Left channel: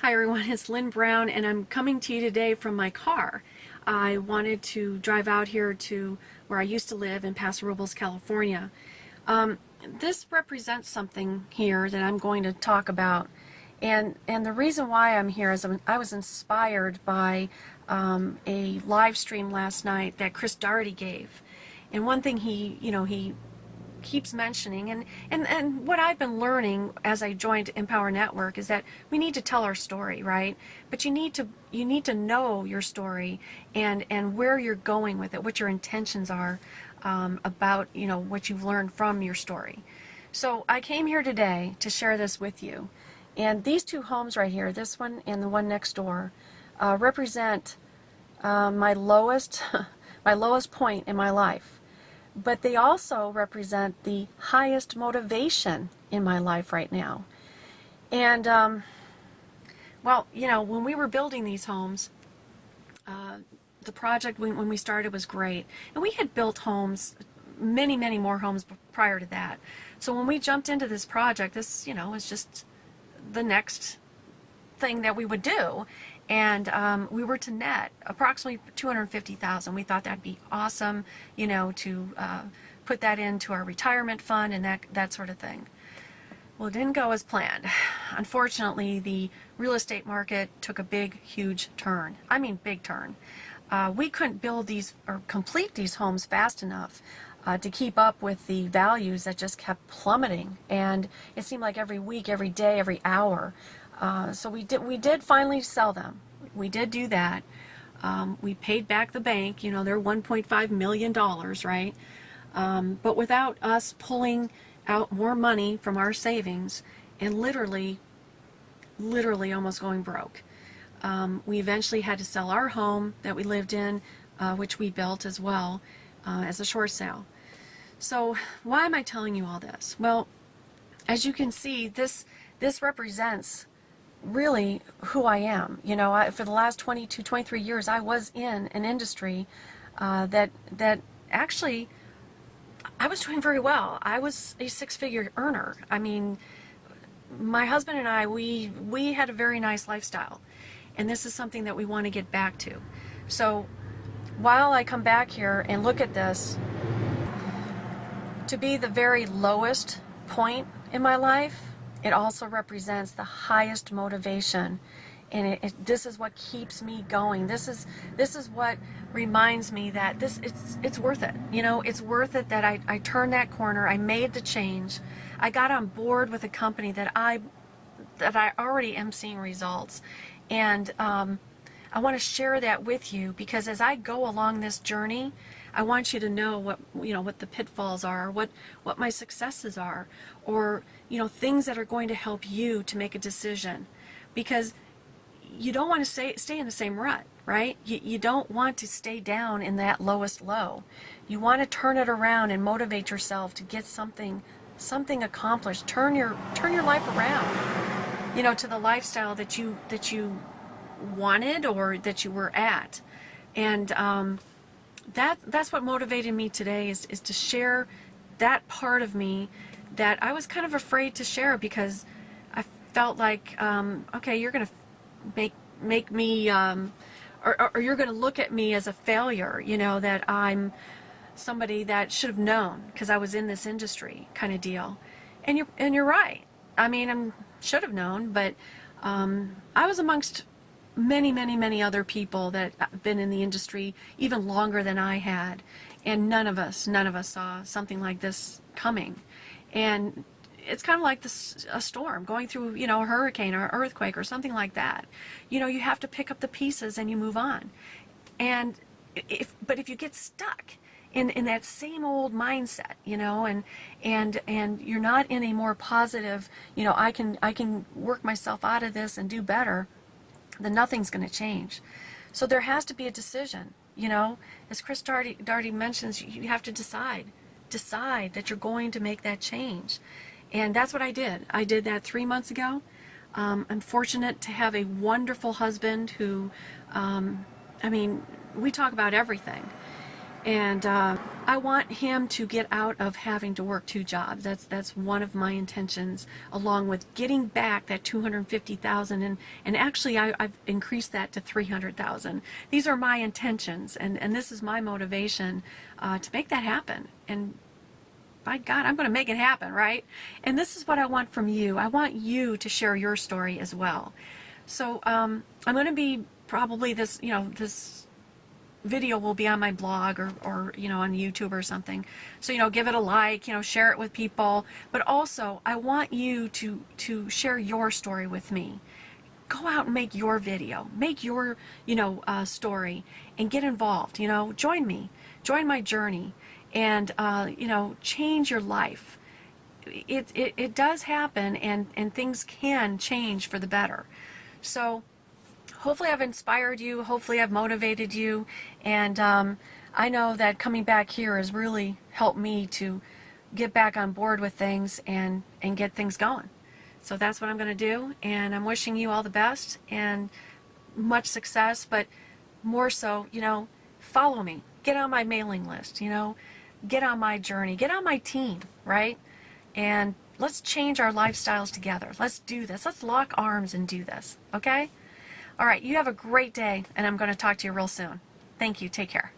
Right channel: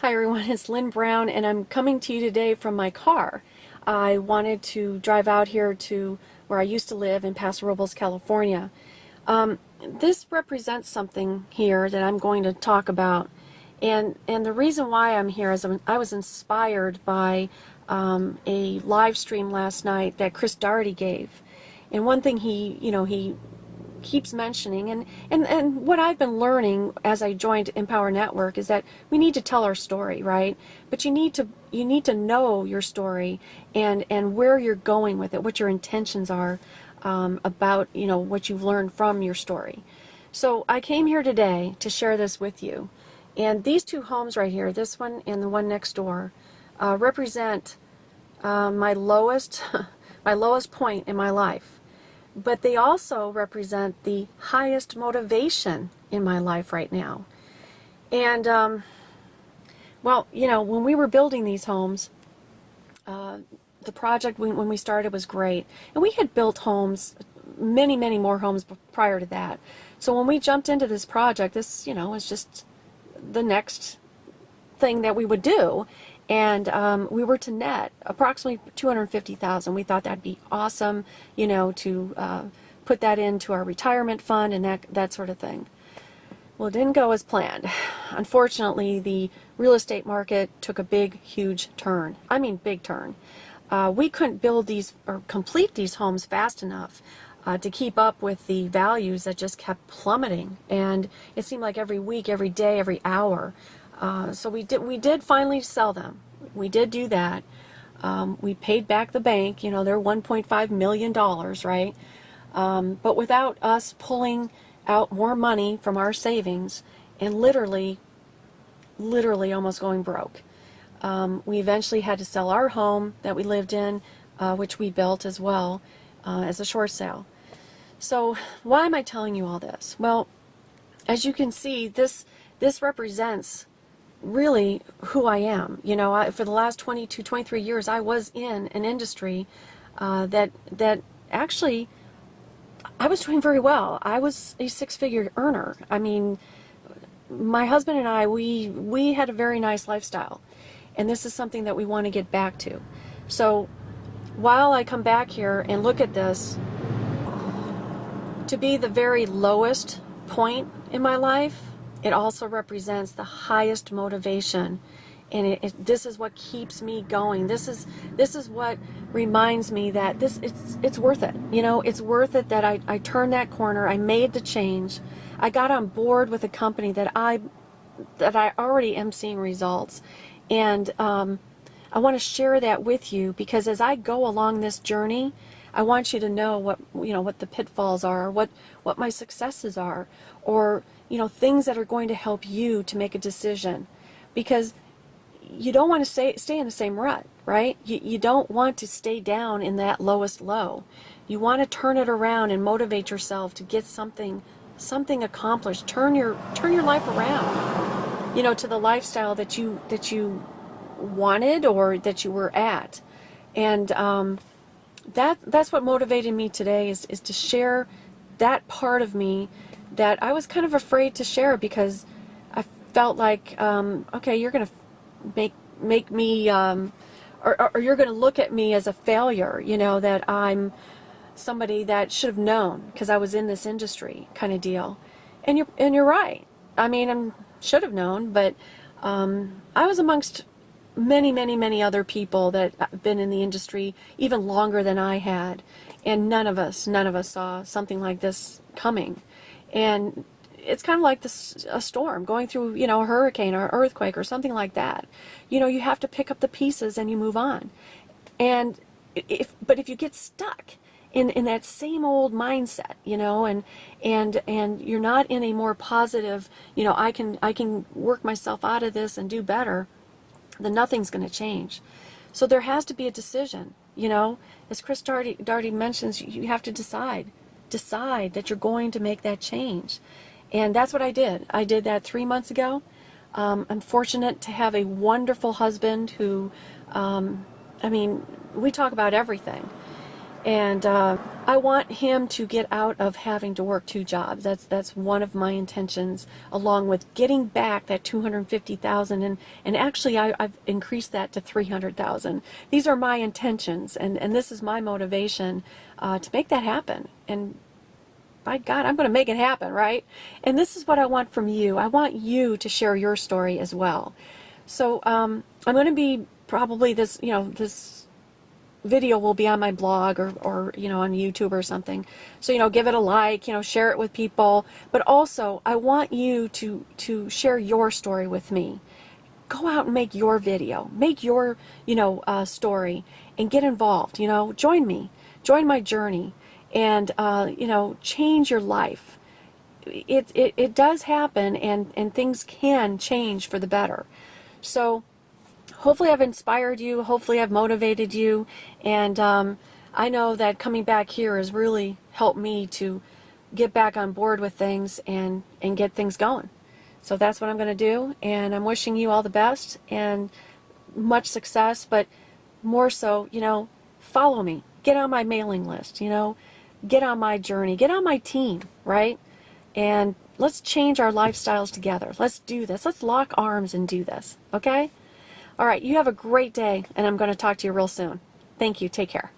Hi everyone, it's Lynn Brown and I'm coming to you today from my car. I wanted to drive out here to where I used to live in Paso Robles, California. This represents something here that I'm going to talk about. And the reason why I'm here is I was inspired by a live stream last night that Chris Daugherty gave. And one thing he keeps mentioning, and what I've been learning as I joined Empower Network is that we need to tell our story, right? But you need to know your story and where you're going with it, what your intentions are about what you've learned from your story. So I came here today to share this with you, and these two homes right here, this one and the one next door, represent my lowest my lowest point in my life. But they also represent the highest motivation in my life right now. And, well, when we were building these homes, the project when we started was great. And we had built homes, many, many more homes prior to that. So when we jumped into this project, this, is just the next thing that we would do. And we were to net approximately $250,000. We thought that'd be awesome, to put that into our retirement fund and that sort of thing. Well, it didn't go as planned. Unfortunately, the real estate market took a big, huge turn. I mean, big turn. We couldn't build these or complete these homes fast enough to keep up with the values that just kept plummeting. And it seemed like every week, every day, every hour. So we did finally sell them. We did do that. We paid back the bank, they're $1.5 million, right? But without us pulling out more money from our savings and literally almost going broke. We eventually had to sell our home that we lived in, which we built as well, as a short sale. So why am I telling you all this? Well, as you can see, this represents really who I am. For the last 22, 23 years, I was in an industry that actually I was doing very well. I was a six-figure earner. I mean, my husband and I, we had a very nice lifestyle, and this is something that we want to get back to. So while I come back here and look at this to be the very lowest point in my life, it also represents the highest motivation, and this is what keeps me going. This is what reminds me that it's worth it. It's worth it that I turned that corner. I made the change. I got on board with a company that I already am seeing results, and I want to share that with you because as I go along this journey, I want you to know what the pitfalls are, what my successes are, or things that are going to help you to make a decision, because you don't want to stay in the same rut, right? You don't want to stay down in that lowest low. You want to turn it around and motivate yourself to get something accomplished. Turn your life around, to the lifestyle that you wanted or that you were at, and that's what motivated me today is to share that part of me that I was kind of afraid to share because I felt like, okay, you're going to make me, or you're going to look at me as a failure, that I'm somebody that should have known because I was in this industry kind of deal. And you're right. I mean, I should have known, but I was amongst many, many, many other people that have been in the industry even longer than I had, and none of us saw something like this coming. And it's kind of like a storm going through, a hurricane or earthquake or something like that. You have to pick up the pieces and you move on. And if you get stuck in that same old mindset, and you're not in a more positive, I can work myself out of this and do better, then nothing's going to change. So there has to be a decision, as Chris Daugherty mentions, you have to decide that you're going to make that change. And that's what I did. I did that 3 months ago. I'm fortunate to have a wonderful husband who, we talk about everything. And I want him to get out of having to work 2 jobs. That's one of my intentions, along with getting back that 250,000, and actually I've increased that to 300,000. These are my intentions, and this is my motivation to make that happen. And by God, I'm going to make it happen, right? And this is what I want from you. I want you to share your story as well. So I'm going to be probably this video will be on my blog or on YouTube or something. So give it a like, share it with people. But also, I want you to share your story with me. Go out and make your video, make your story, and get involved. Join me, join my journey, and change your life. It does happen, and things can change for the better. So hopefully I've inspired you, hopefully I've motivated you, and I know that coming back here has really helped me to get back on board with things and get things going. So that's what I'm going to do, and I'm wishing you all the best and much success, but more so, follow me, get on my mailing list, get on my journey, get on my team, right? And let's change our lifestyles together. Let's do this. Let's lock arms and do this, okay? All right, you have a great day, and I'm going to talk to you real soon. Thank you. Take care.